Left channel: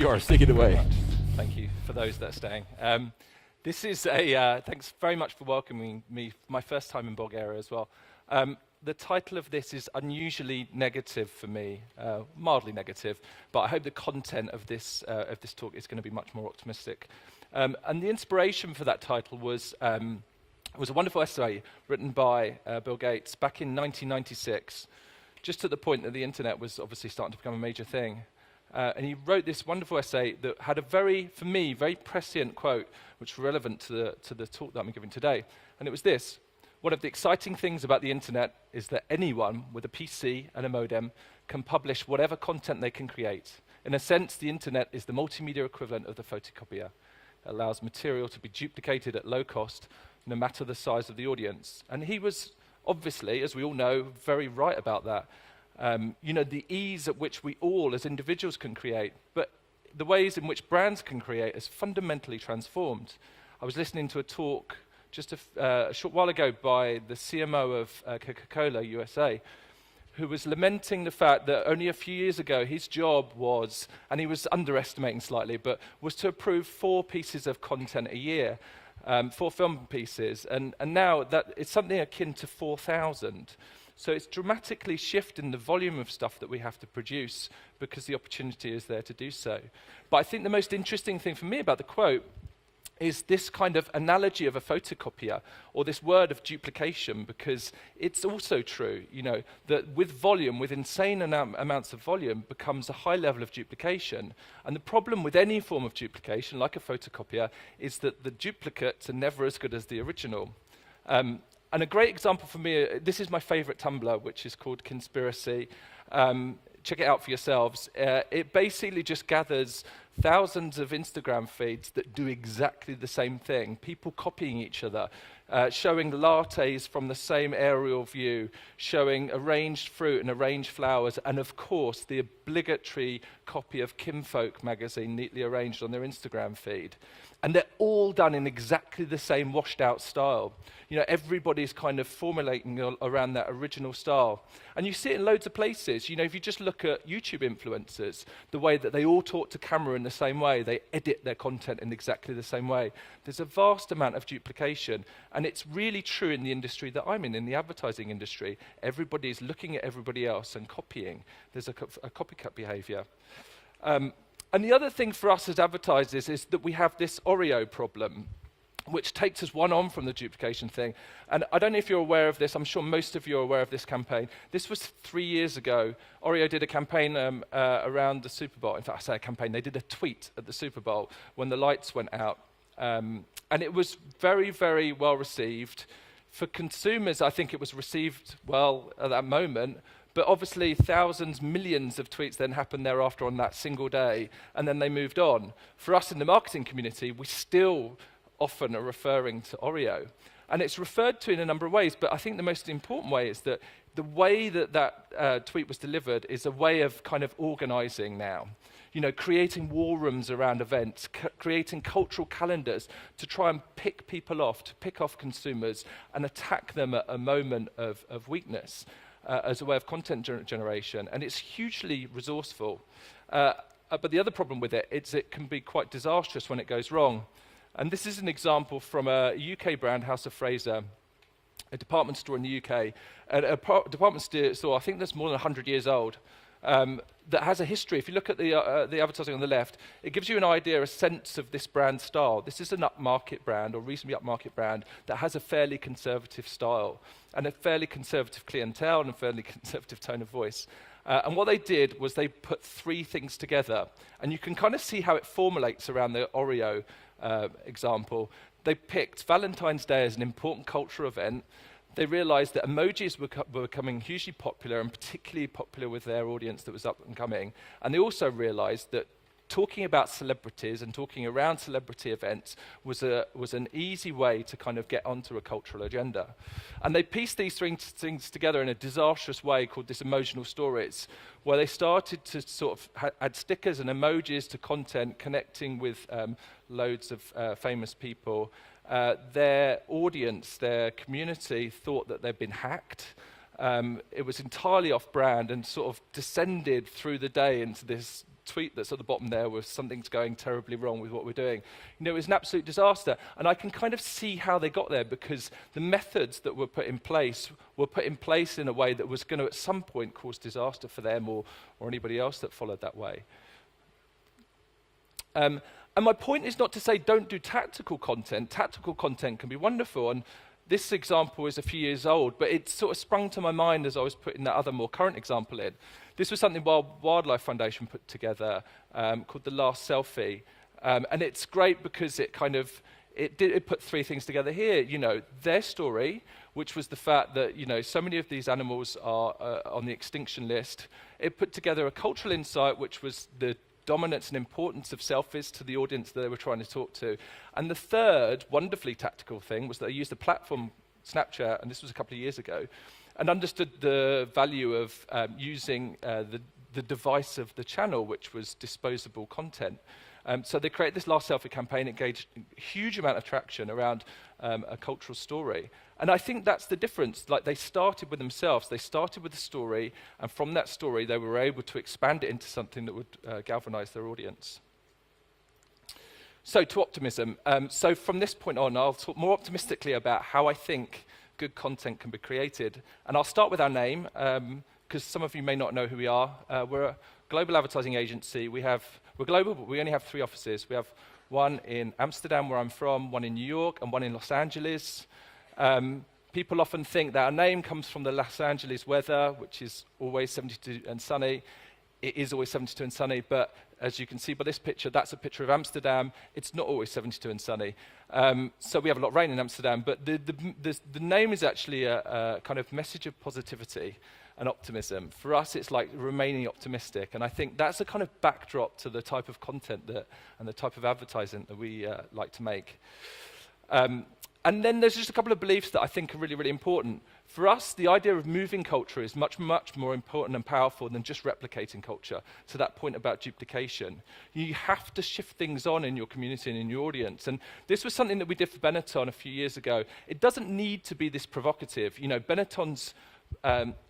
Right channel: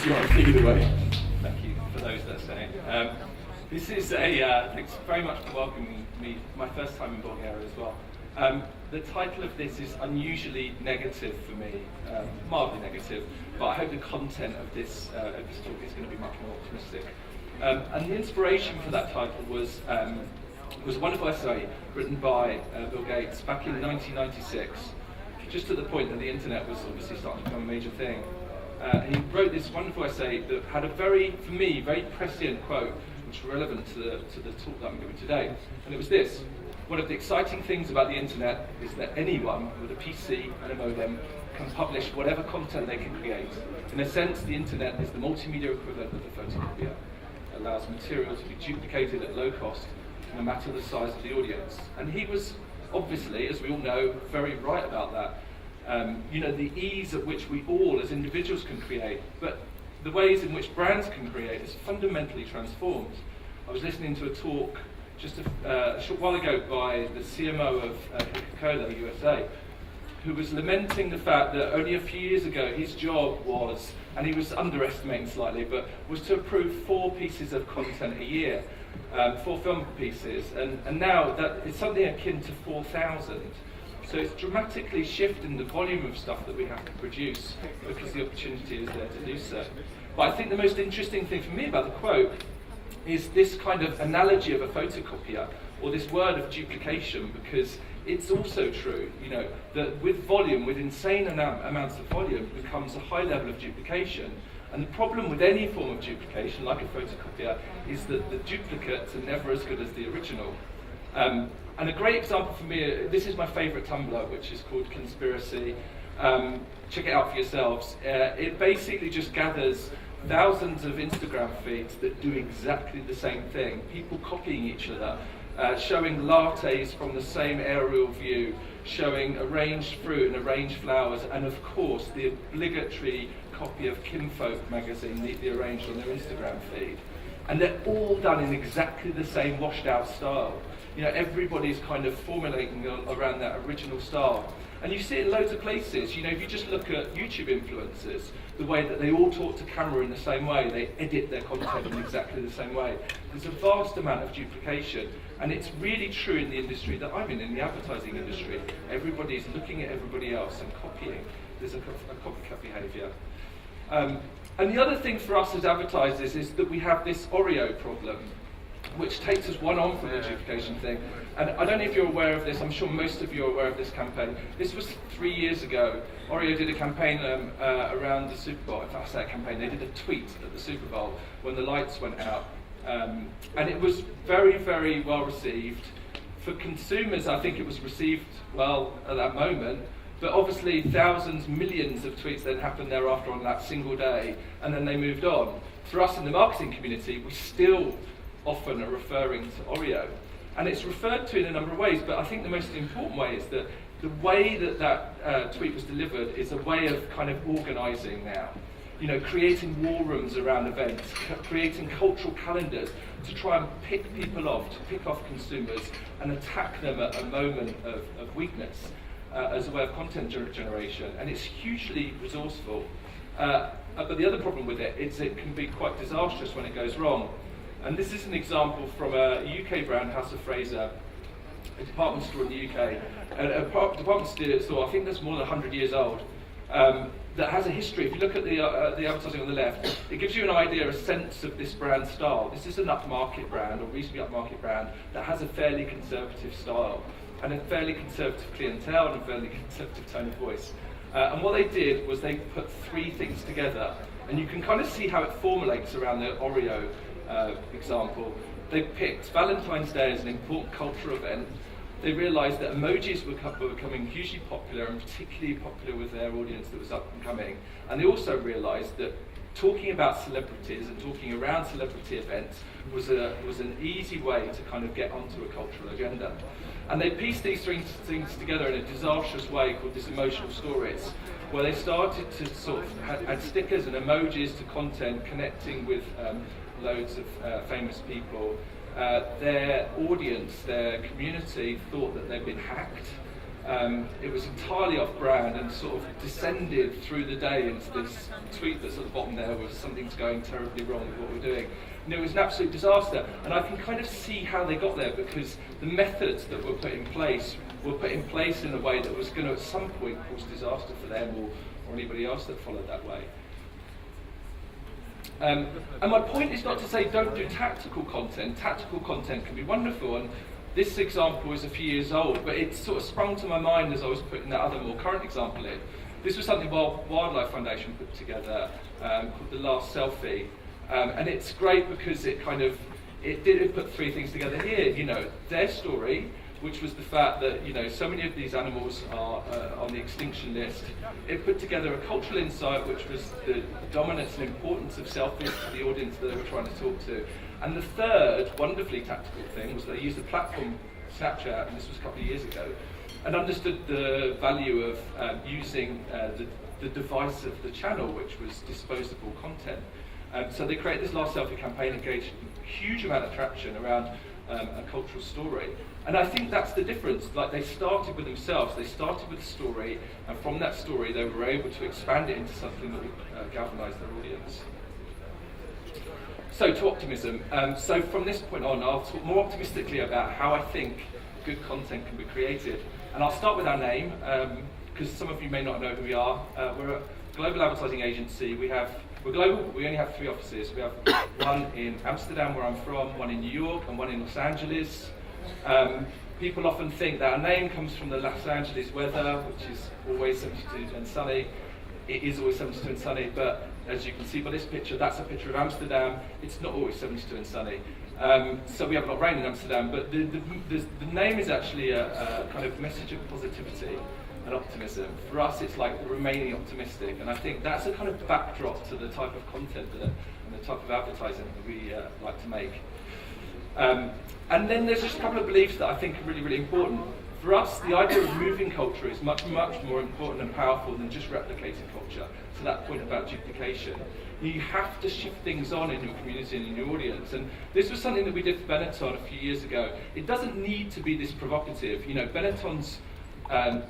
your honesty either way. Thank you for those that are staying. This is thanks very much for welcoming me, my first time in Bulgaria as well. The title of this is unusually negative for me, mildly negative, but I hope the content of this talk is going to be much more optimistic. And the inspiration for that title was a wonderful essay written by Bill Gates back in 1996, just at the point that the internet was obviously starting to become a major thing. He wrote this wonderful essay that had a very, for me, very prescient quote, which was relevant to the talk that I'm giving today. And it was this: one of the exciting things about the internet is that anyone with a PC and a modem can publish whatever content they can create. In a sense, the internet is the multimedia equivalent of the photocopier. It allows material to be duplicated at low cost, no matter the size of the audience. And he was obviously, as we all know, very right about that. The ease at which we all as individuals can create, but the ways in which brands can create is fundamentally transformed. I was listening to a talk just a short while ago by the CMO of Coca-Cola USA, who was lamenting the fact that only a few years ago his job was, and he was underestimating slightly, but was to approve 4 pieces of content a year, 4 film pieces, and now that it's something akin to 4,000. So it's dramatically shifting the volume of stuff that we have to produce because the opportunity is there to do so. But I think the most interesting thing for me about the quote is this kind of analogy of a photocopier, or this word of duplication, because it's also true, that with volume, with insane amounts of volume, becomes a high level of duplication. And the problem with any form of duplication, like a photocopier, is that the duplicates are never as good as the original. And a great example for me, this is my favourite Tumblr, which is called Conspiracy. Check it out for yourselves. It basically just gathers thousands of Instagram feeds that do exactly the same thing. People copying each other, showing lattes from the same aerial view, showing arranged fruit and arranged flowers, and of course the obligatory copy of Kinfolk magazine neatly arranged on their Instagram feed. And they're all done in exactly the same washed out style. Everybody's kind of formulating around that original style. And you see it in loads of places. If you just look at YouTube influencers, the way that they all talk to camera in the same way, they edit their content in exactly the same way. There's a vast amount of duplication, and it's really true in the industry that I'm in the advertising industry. Everybody is looking at everybody else and copying. There's a copycat behaviour. And the other thing for us as advertisers is that we have this Oreo problem, which takes us one on from the duplication thing. And I don't know if you're aware of this, I'm sure most of you are aware of this campaign. This was 3 years ago. Oreo did a campaign around the Super Bowl. In fact, I say a campaign, they did a tweet at the Super Bowl when the lights went out. And it was very, very well received. For consumers, I think it was received well at that moment. But obviously, thousands, millions of tweets then happened thereafter on that single day, and then they moved on. For us in the marketing community, we still often are referring to Oreo. And it's referred to in a number of ways, but I think the most important way is that the way that tweet was delivered is a way of kind of organising now. Creating war rooms around events, creating cultural calendars to try and pick people off, to pick off consumers and attack them at a moment of weakness as a way of content generation. And it's hugely resourceful. But the other problem with it is it can be quite disastrous when it goes wrong. And this is an example from a UK brand, House of Fraser, a department store in the UK, a department store, I think that's more than 100 years old, that has a history. If you look at the advertising on the left, it gives you an idea, a sense of this brand style. This is an upmarket brand, or reasonably upmarket brand, that has a fairly conservative style, and a fairly conservative clientele, and a fairly conservative tone of voice. And what they did was they put 3 things together, and you can kind of see how it formulates around the Oreo example. They picked Valentine's Day as an important cultural event. They realised that emojis were becoming hugely popular, and particularly popular with their audience that was up and coming. And they also realised that talking about celebrities and talking around celebrity events was an easy way to kind of get onto a cultural agenda. And they pieced these 3 things together in a disastrous way called this emotional stories, where they started to sort of add stickers and emojis to content, connecting with loads of famous people. Their audience, their community, thought that they'd been hacked, It was entirely off-brand and sort of descended through the day into this tweet that's at the bottom there with something's going terribly wrong with what we're doing. It was an absolute disaster, and I can kind of see how they got there, because the methods that were put in place in a way that was going to at some point cause disaster for them or anybody else that followed that way. And my point is not to say don't do tactical content. Tactical content can be wonderful, and this example is a few years old, but it sort of sprung to my mind as I was putting that other more current example in. This was something Wildlife Foundation put together called The Last Selfie. And it's great because it did put three things together here. Their story, which was the fact that so many of these animals are on the extinction list. It put together a cultural insight, which was the dominance and importance of selfies to the audience that they were trying to talk to. And the third, wonderfully tactical thing, was that they used the platform Snapchat, and this was a couple of years ago, and understood the value of using the device of the channel, which was disposable content. So they created this Last Selfie campaign, engaged a huge amount of traction around a cultural story. And I think that's the difference. Like, they started with themselves, they started with the story, and from that story they were able to expand it into something that would galvanise their audience. So to optimism. So from this point on, I'll talk more optimistically about how I think good content can be created. And I'll start with our name, because some of you may not know who we are. We're a global advertising agency. We're global. We only have 3 offices. We have one in Amsterdam, where I'm from, one in New York, and one in Los Angeles. People often think that our name comes from the Los Angeles weather, which is always 72 and sunny. It is always 72 and sunny, but as you can see by this picture, that's a picture of Amsterdam. It's not always 72 and sunny. So we have a lot of rain in Amsterdam, but the name is actually a kind of message of positivity and optimism. For us, it's like remaining optimistic, and I think that's a kind of backdrop to the type of content and the type of advertising that we like to make. And then there's just a couple of beliefs that I think are really, really important. For us, the idea of moving culture is much, much more important and powerful than just replicating culture. To that point about duplication, you have to shift things on in your community and in your audience. And this was something that we did for Benetton a few years ago. It doesn't need to be this provocative. Benetton's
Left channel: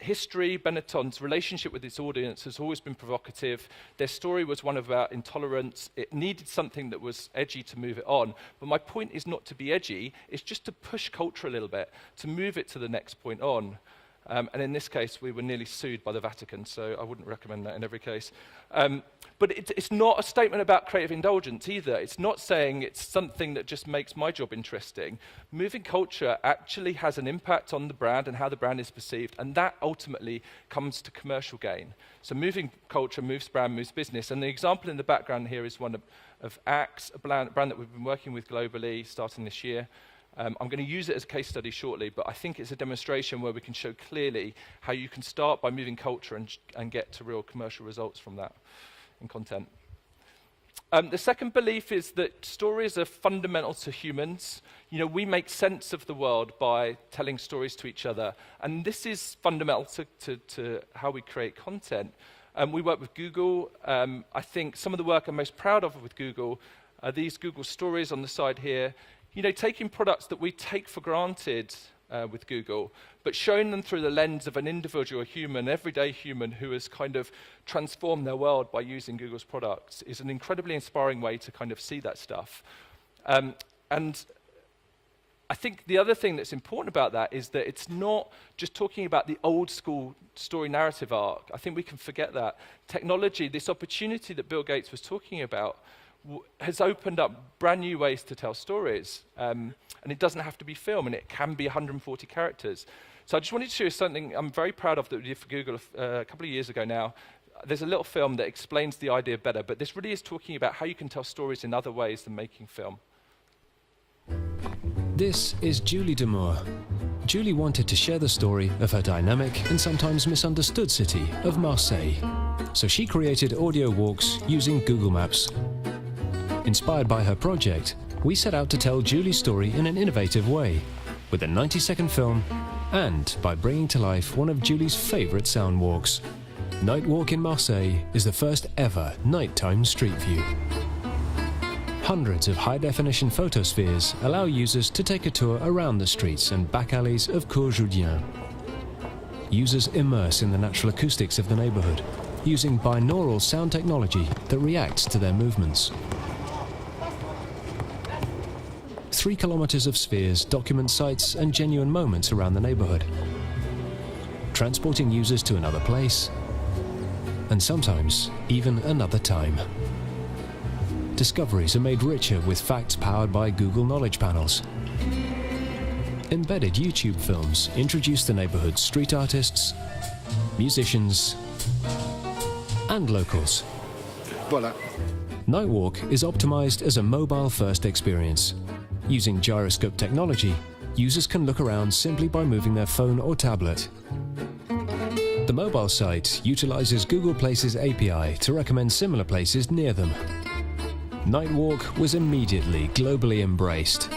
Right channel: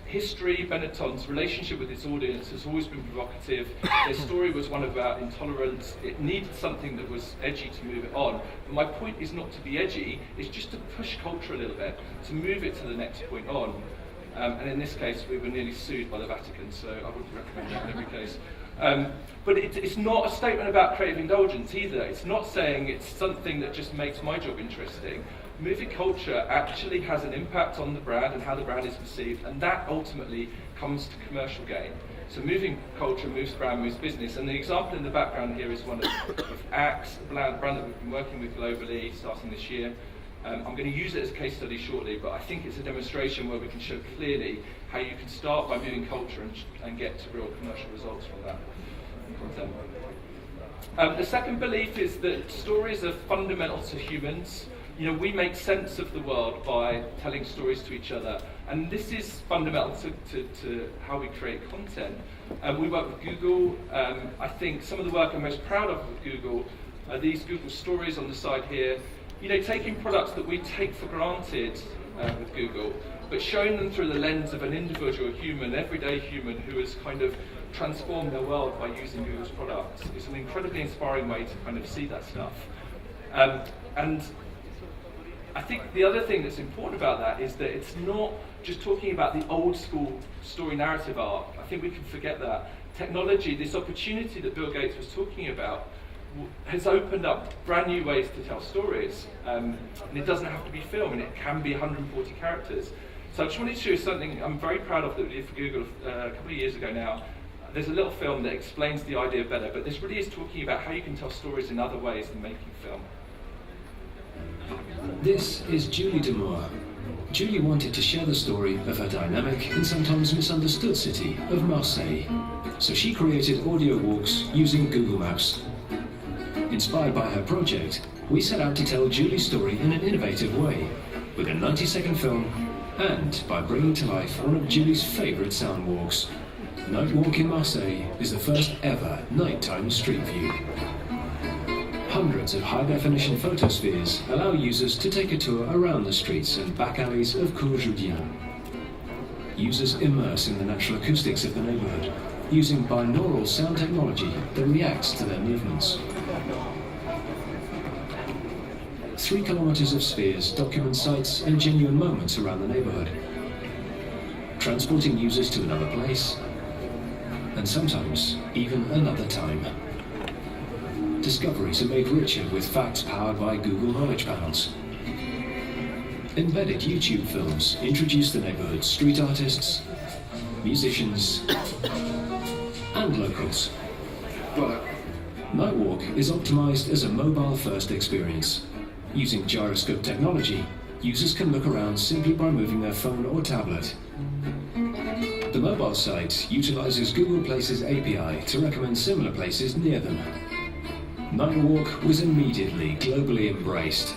history, Benetton's relationship with its audience has always been provocative. Their story was one about intolerance. It needed something that was edgy to move it on. But my point is not to be edgy, it's just to push culture a little bit, to move it to the next point on. And in this case, we were nearly sued by the Vatican, so I wouldn't recommend that in every case. But it's not a statement about creative indulgence either. It's not saying it's something that just makes my job interesting. Moving culture actually has an impact on the brand and how the brand is perceived, and that ultimately comes to commercial gain. So moving culture moves brand, moves business, and the example in the background here is one of Axe, a brand that we've been working with globally starting this year. I'm going to use it as a case study shortly, but I think it's a demonstration where we can show clearly how you can start by moving culture and get to real commercial results from that content. The second belief is that stories are fundamental to humans. We make sense of the world by telling stories to each other, and this is fundamental to how we create content. We work with Google. I think some of the work I'm most proud of with Google are these Google stories on the side here. Taking products that we take for granted with Google, but showing them through the lens of an individual human, everyday human, who has kind of transformed their world by using Google's products is an incredibly inspiring way to kind of see that stuff. And I think the other thing that's important about that is that it's not just talking about the old school story narrative arc. I think we can forget that. Technology, this opportunity that Bill Gates was talking about, has opened up brand new ways to tell stories. And it doesn't have to be film, it can be 140 characters. So I just wanted to show you something I'm very proud of that we did for Google a couple of years ago now. There's a little film that explains the idea better, but this really is talking about how you can tell stories in other ways than making film. This is Julie Demour. Julie wanted to share the story of her dynamic and sometimes misunderstood city of Marseille. So she created audio walks using Google Maps. Inspired by her project, we set out to tell Julie's story in an innovative way, with a 90-second film, and by bringing to life one of Julie's favourite sound walks. Night Walk in Marseille is the first ever nighttime street view. Hundreds of high-definition photospheres allow users to take a tour around the streets and back alleys of Cours Julien. users immerse in the natural acoustics of the neighborhood, using binaural sound technology that reacts to their movements. 3 kilometers of spheres document sights and genuine moments around the neighborhood, transporting users to another place, and sometimes even another time. Discoveries are made richer with facts powered by Google Knowledge Panels. Embedded YouTube films introduce the neighborhood's street artists, musicians, and locals. Nightwalk is optimized as a mobile-first experience. Using gyroscope technology, users can look around simply by moving their phone or tablet. The mobile site utilizes Google Places API to recommend similar places near them. Nightwalk was immediately globally embraced,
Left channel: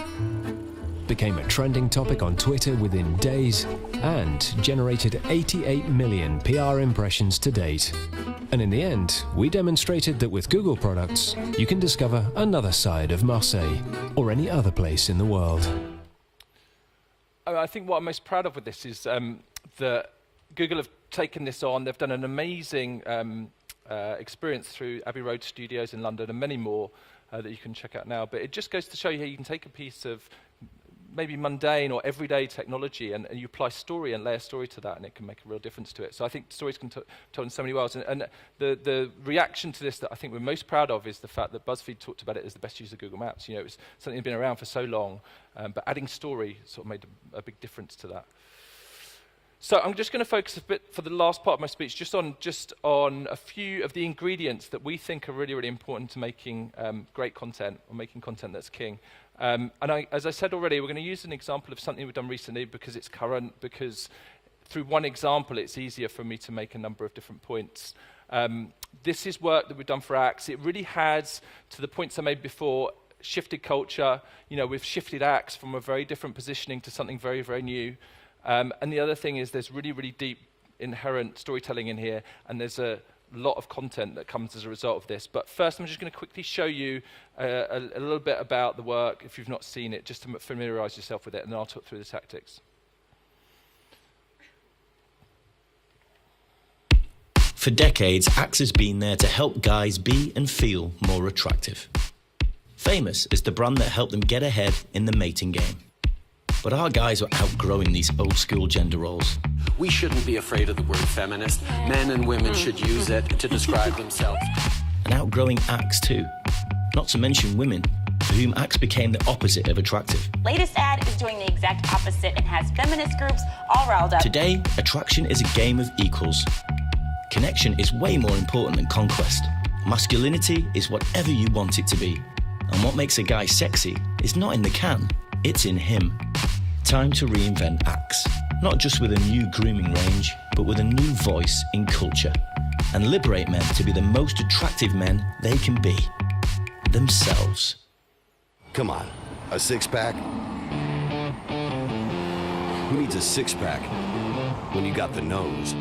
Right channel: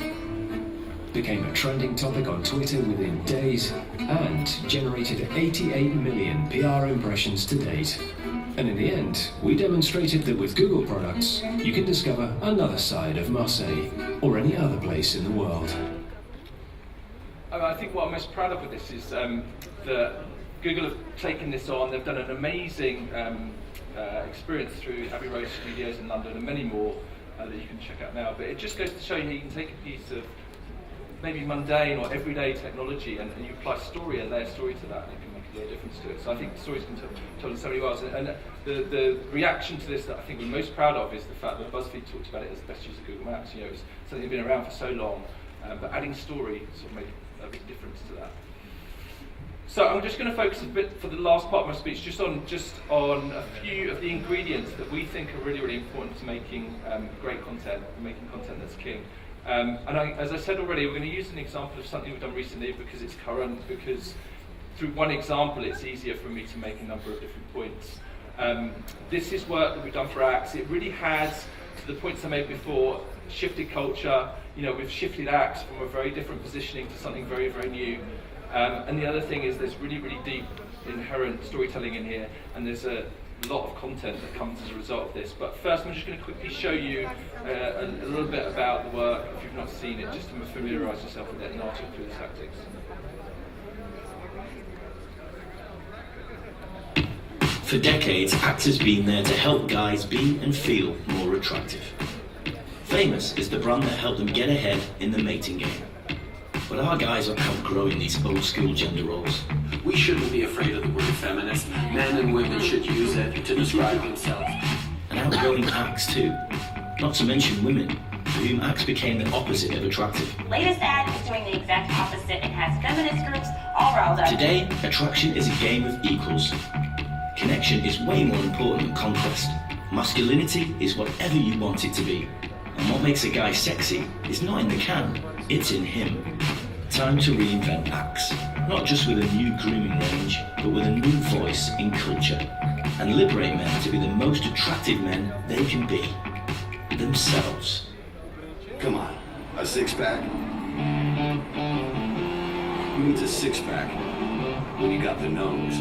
became a trending topic on Twitter within days, and generated 88 million PR impressions to date. And in the end, we demonstrated that with Google products, you can discover another side of Marseille, or any other place in the world. I think what I'm most proud of with this is that Google have taken this on. They've done an amazing experience through Abbey Road Studios in London and many more that you can check out now. But it just goes to show you can take a piece of maybe mundane or everyday technology and you apply story and layer story to that, and it can make a real difference to it. So I think the story's been told in so many ways. And the reaction to this that I think we're most proud of is the fact that BuzzFeed talked about it as the best use of Google Maps. You know, it's something that's been around for so long, but adding story sort of made a big difference to that. So I'm just going to focus a bit for the last part of my speech just on a few of the ingredients that we think are really, really important to making great content, making content that's king. As I said already, we're going to use an example of something we've done recently because it's current, because through one example it's easier for me to make a number of different points. This is work that we've done for Axe. It really has, to the points I made before, shifted culture. You know, we've shifted Axe from a very different positioning to something very, very new. And the other thing is there's really, really deep inherent storytelling in here, and there's a lot of content that comes as a result of this. But first I'm just going to quickly show you a little bit about the work, if you've not seen it, just to familiarise yourself with it, and I'll talk through the tactics. For decades, Axe has been there to help guys be and feel more attractive. Famous is the brand that helped them get ahead in the mating game. But our guys are outgrowing these old-school gender roles. We shouldn't be afraid of the word feminist. Men and women should use it to describe themselves. And outgrowing Axe too. Not to mention women, who Axe became the opposite of attractive. Latest ad is doing the exact opposite and has feminist groups all riled up. Today, attraction is a game of equals. Connection is way more important than conquest. Masculinity is whatever you want it to be. And what makes a guy sexy is not in the can, it's in him. Time to reinvent Axe. Not just with a new grooming range, but with a new voice in culture. And liberate men to be the most attractive men they can be. Themselves. Come on, a six-pack? Who needs a six-pack when you got the nose?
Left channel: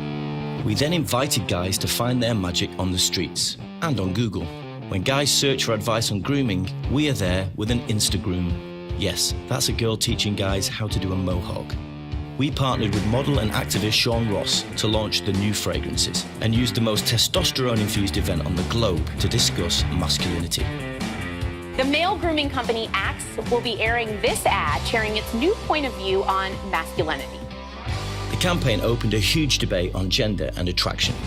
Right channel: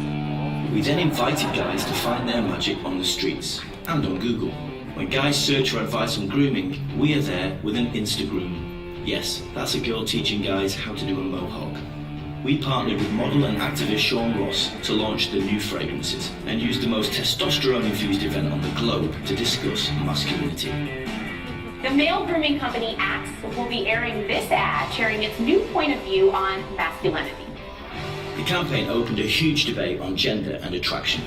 We then invited guys to find their magic on the streets and on Google. When guys search for advice on grooming, we are there with an Instagram. Yes, that's a girl teaching guys how to do a mohawk. We partnered with model and activist Sean Ross to launch the new fragrances and used the most testosterone-infused event on the globe to discuss masculinity. The male grooming company Axe will be airing this ad, sharing its new point of view on masculinity. The campaign opened a huge debate on gender and attraction.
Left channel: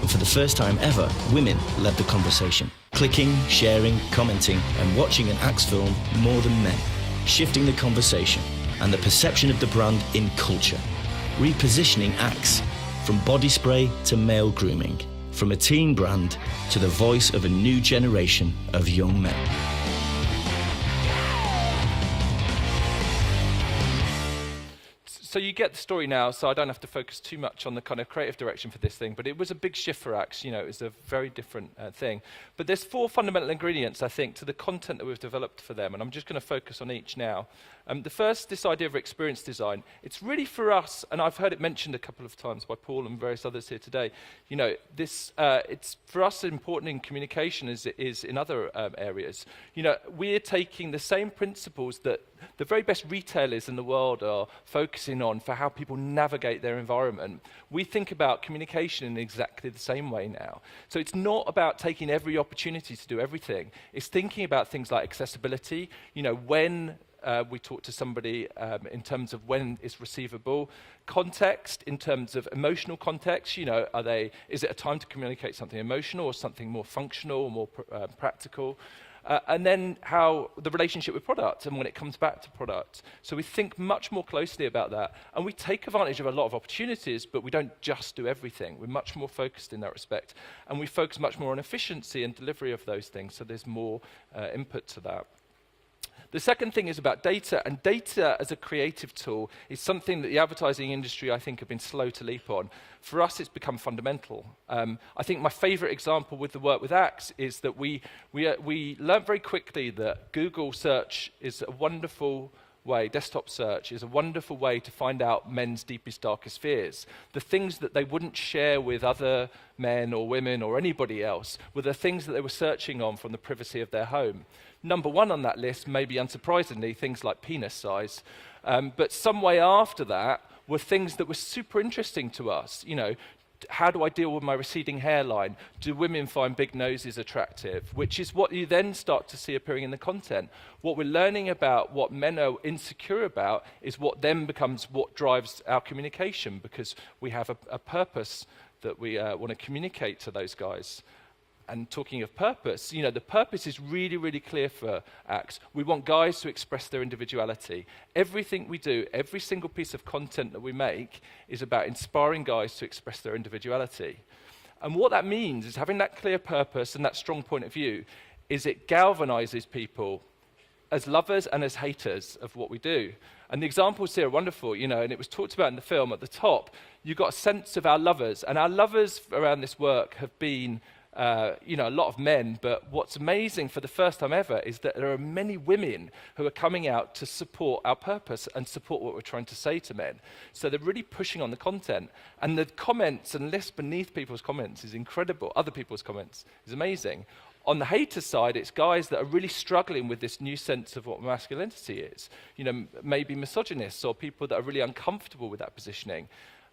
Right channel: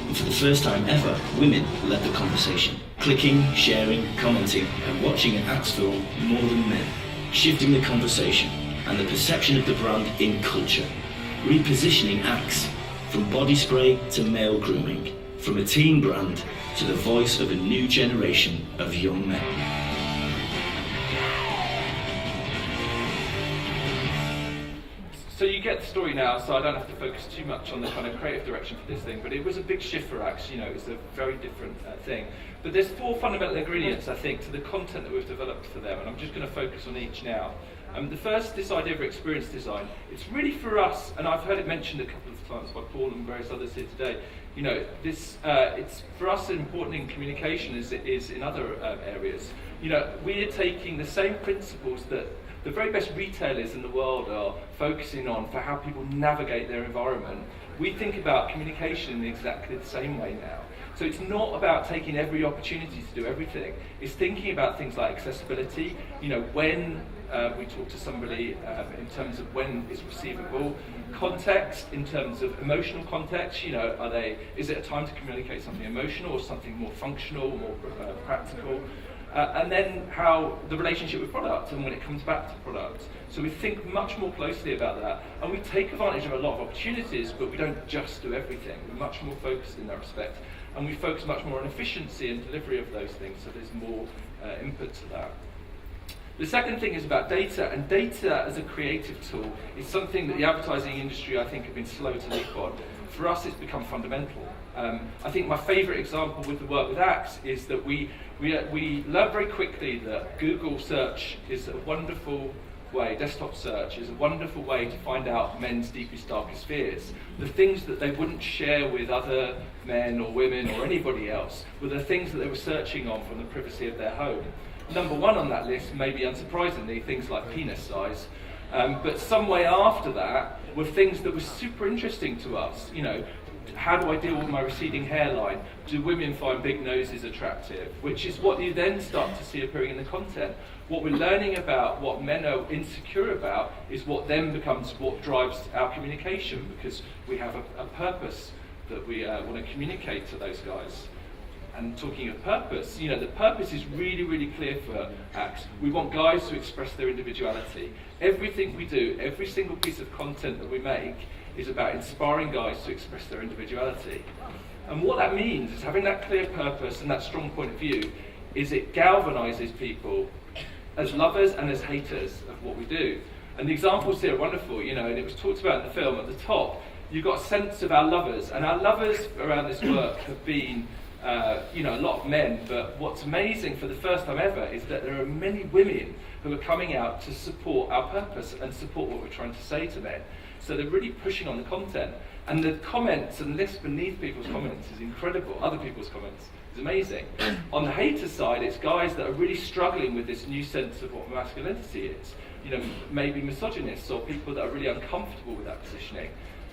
And for the first time ever, women led the conversation, clicking, sharing, commenting, and watching an Axe film more than men, shifting the conversation and the perception of the brand in culture, repositioning Axe from body spray to male grooming, from a teen brand to the voice of a new generation of young men. So you get the story now, so I don't have to focus too much on the kind of creative direction for this thing, but it was a big shift for Axe, you know, it was a very different thing. But there's 4 fundamental ingredients, I think, to the content that we've developed for them, and I'm just going to focus on each now. The first, this idea of experience design. It's really for us, and I've heard it mentioned a couple of times by Paul and various others here today, you know, this, it's for us important in communication as it is in other areas. You know, we're taking the same principles that the very best retailers in the world are focusing on for how people navigate their environment. We think about communication in exactly the same way now. So it's not about taking every opportunity to do everything. It's thinking about things like accessibility, when we talk to somebody in terms of when it's perceivable, context in terms of emotional context, is it a time to communicate something emotional or something more functional, more practical? And then how the relationship with product and when it comes back to product. So we think much more closely about that. And we take advantage of a lot of opportunities, but we don't just do everything. We're much more focused in that respect. And we focus much more on efficiency and delivery of those things, so there's more input to that. The second thing is about data, and data as a creative tool is something that the advertising industry, I think, have been slow to leap on. For us, it's become fundamental. I think my favourite example with the work with apps is that we learned very quickly that Google search is a wonderful way, desktop search is a wonderful way to find out men's deepest, darkest fears. The things that they wouldn't share with other men or women or anybody else were the things that they were searching on from the privacy of their home. Number one on that list, maybe unsurprisingly, things like penis size. But some way after that were things that were super interesting to us. How do I deal with my receding hairline? Do women find big noses attractive? Which is what you then start to see appearing in the content. What we're learning about what men are insecure about is what then becomes what drives our communication, because we have a purpose that we want to communicate to those guys. And talking of purpose, the purpose is really, really clear for apps. We want guys to express their individuality. Everything we do, every single piece of content that we make is about inspiring guys to express their individuality. And what that means is having that clear purpose and that strong point of view is it galvanizes people as lovers and as haters of what we do. And the examples here are wonderful, it was talked about in the film at the top. You've got a sense of our lovers, and our lovers around this work have been a lot of men, but what's amazing for the first time ever is that there are many women who are coming out to support our purpose and support what we're trying to say to men. So they're really pushing on the content. And the comments and the list beneath people's comments is incredible. Other people's comments is amazing. On the hater side, it's guys that are really struggling with this new sense of what masculinity is. Maybe misogynists or people that are really uncomfortable with that positioning.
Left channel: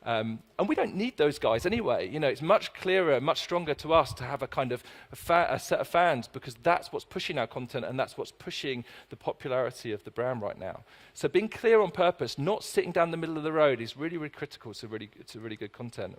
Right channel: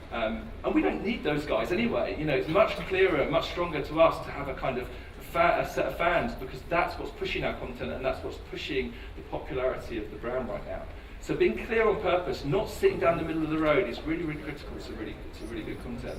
And we don't need those guys anyway. It's much clearer and much stronger to us to have a kind of a set of fans, because that's what's pushing our content and that's what's pushing the popularity of the brand right now. So being clear on purpose, not sitting down the middle of the road, is really, really critical to really good content.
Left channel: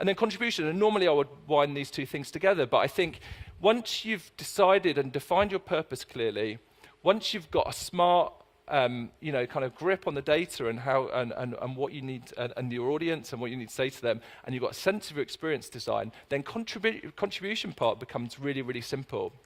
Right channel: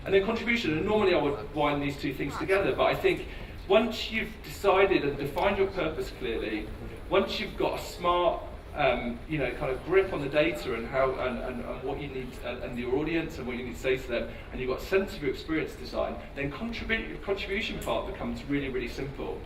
And then contribution, and normally I would wind these two things together, but I think once you've decided and defined your purpose clearly, once you've got a smart kind of grip on the data and how and what you need and your audience and what you need to say to them, and you've got a sense of your experience design, then contribution part becomes really, really simple.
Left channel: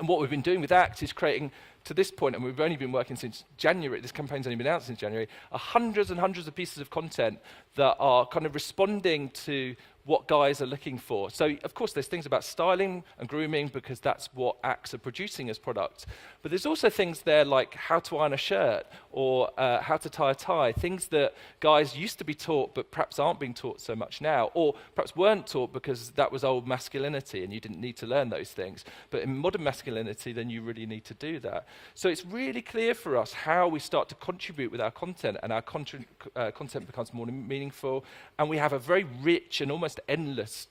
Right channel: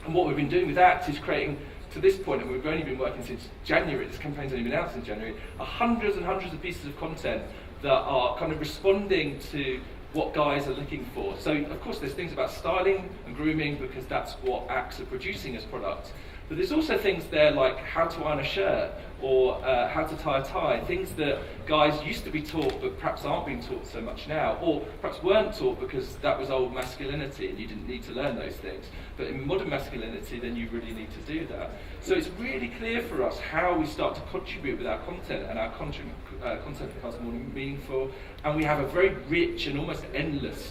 And what we've been doing with that is creating, to this point, and we've only been working since January, this campaign's only been out since January, hundreds and hundreds of pieces of content that are kind of responding to what guys are looking for. So, of course, there's things about styling and grooming, because that's what acts are producing as products. But there's also things there like how to iron a shirt or how to tie a tie, things that guys used to be taught but perhaps aren't being taught so much now, or perhaps weren't taught because that was old masculinity and you didn't need to learn those things. But in modern masculinity, then you really need to do that. So it's really clear for us how we start to contribute with our content, and our content becomes more meaningful, and we have a very rich and almost endless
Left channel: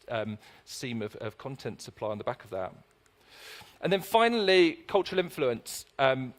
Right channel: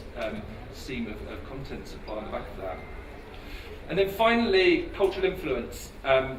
seam of content supply on the back of that. And then finally, cultural influence.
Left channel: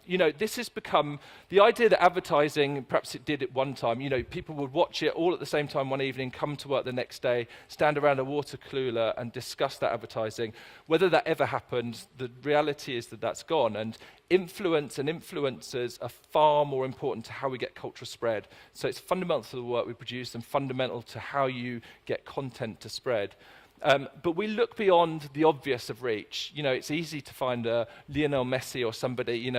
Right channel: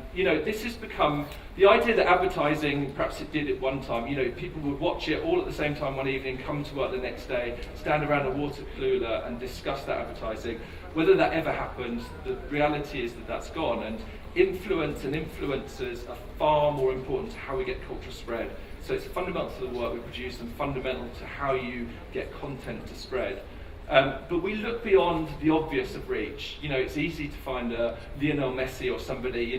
This has become the idea that advertising, perhaps it did at one time, people would watch it all at the same time one evening, come to work the next day, stand around a water cooler and discuss that advertising. Whether that ever happens, the reality is that that's gone. And influence and influencers are far more important to how we get culture spread. So it's fundamental to the work we produce and fundamental to how you get content to spread. But we look beyond the obvious of reach. It's easy to find Lionel Messi or somebody,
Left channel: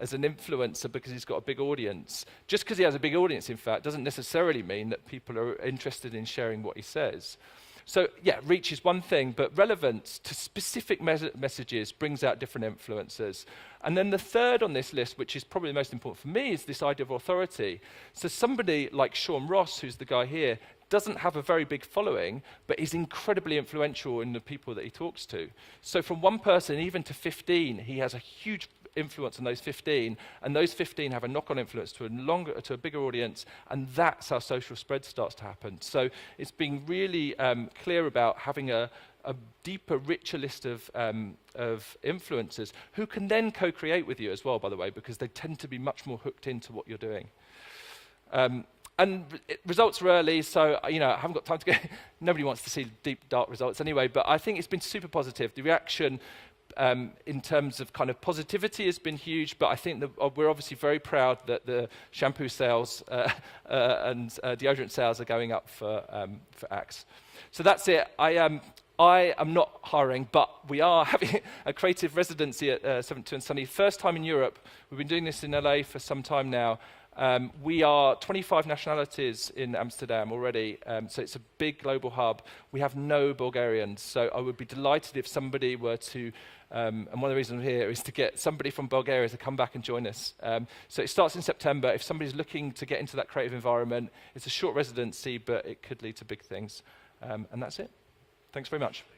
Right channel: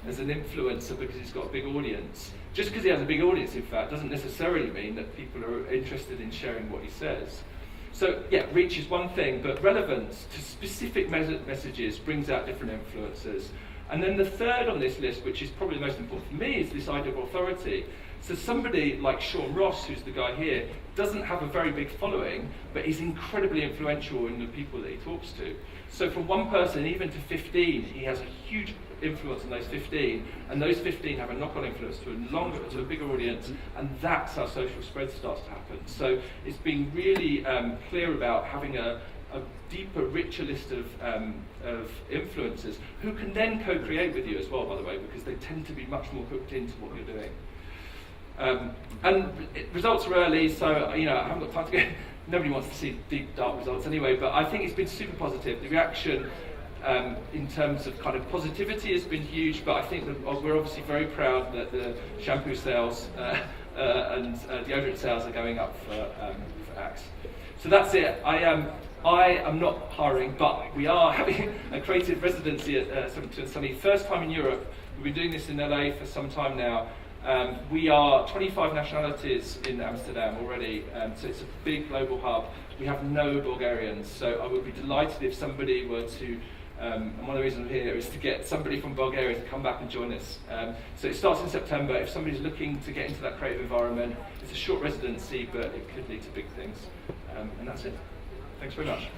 as an influencer because he's got a big audience. Just because he has a big audience, in fact, doesn't necessarily mean that people are interested in sharing what he says. So, yeah, reach is one thing, but relevance to specific messages brings out different influencers. And then the third on this list, which is probably the most important for me, is this idea of authority. So somebody like Sean Ross, who's the guy here, doesn't have a very big following, but is incredibly influential in the people that he talks to. So from one person, even to 15, he has a huge influence on those 15, and those 15 have a knock-on influence to a bigger audience, and that's how social spread starts to happen. So it's been really clear about having a deeper, richer list of influencers who can then co-create with you as well, by the way, because they tend to be much more hooked into what you're doing. And results are early, so I haven't got time to go. Nobody wants to see deep, dark results anyway, but I think it's been super positive. The reaction in terms of kind of positivity has been huge, but I think that we're obviously very proud that the shampoo sales and deodorant sales are going up for Axe. So that's it. I am not hiring, but we are having a creative residency at 72 and Sunny. First time in Europe. We've been doing this in LA for some time now. We are 25 nationalities in Amsterdam already, so it's a big global hub. We have no Bulgarians, so I would be delighted if somebody were to, and one of the reasons I'm here is to get somebody from Bulgaria to come back and join us. So it starts in September. If somebody's looking to get into that creative environment, it's a short residency, but it could lead to big things. And that's it. Thanks very much.